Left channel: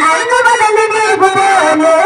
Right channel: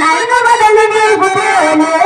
నన్ను వదలి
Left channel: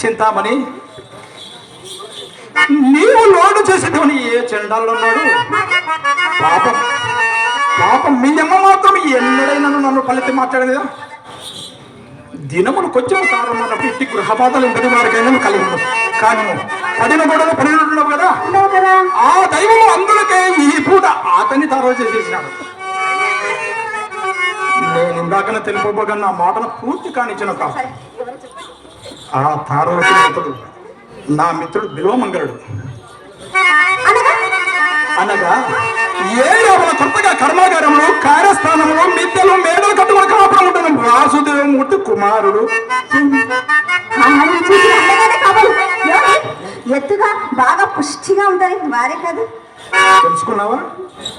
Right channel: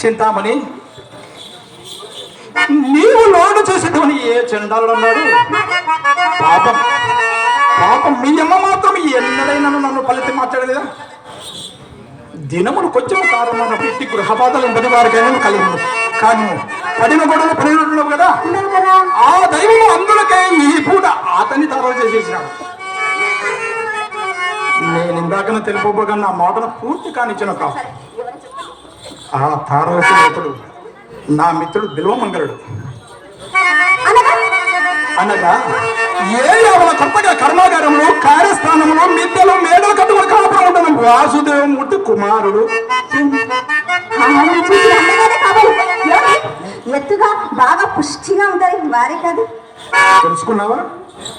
చింతామణి నీవు లోడు చేసేటవని ఏ చెండాలన్నాడు పాపం పాపం మీ అమ్మ మాత్రం ఎన్నడైనా నన్ను ఫలితం మాట్లాడేదా దినములు కొంచెం కాలం మన పెట్టి గృహపాతలు పది వారికైనా కలిగి కానీ పడిన గొడవలు పడినట్లు కదా? ఆ దైవం అందులకే ఈ పూట అతన్ని తారవ చేసేసినాడు. నేను ఇందాకనే తెలుపబోగా నా మాటను పూర్తి కానిచ్చిన కాదు ఆ తారవతి మిత్రుడు. నా మిత్రుడు బిల్వమంగళుడు. అనగా? ఏ యావల కొత్తగా కర్మాగారంలో కార్యస్థానంలో మిద్దెలు మేడలు కట్టుకుని కాపాడు ఉంటాను వాసుదేవమూర్తి కుమారుడు. ఎత్తుగా బాగా పుష్టిగా ఉంటది. వారే కదా. తెలుసుకున్నావా?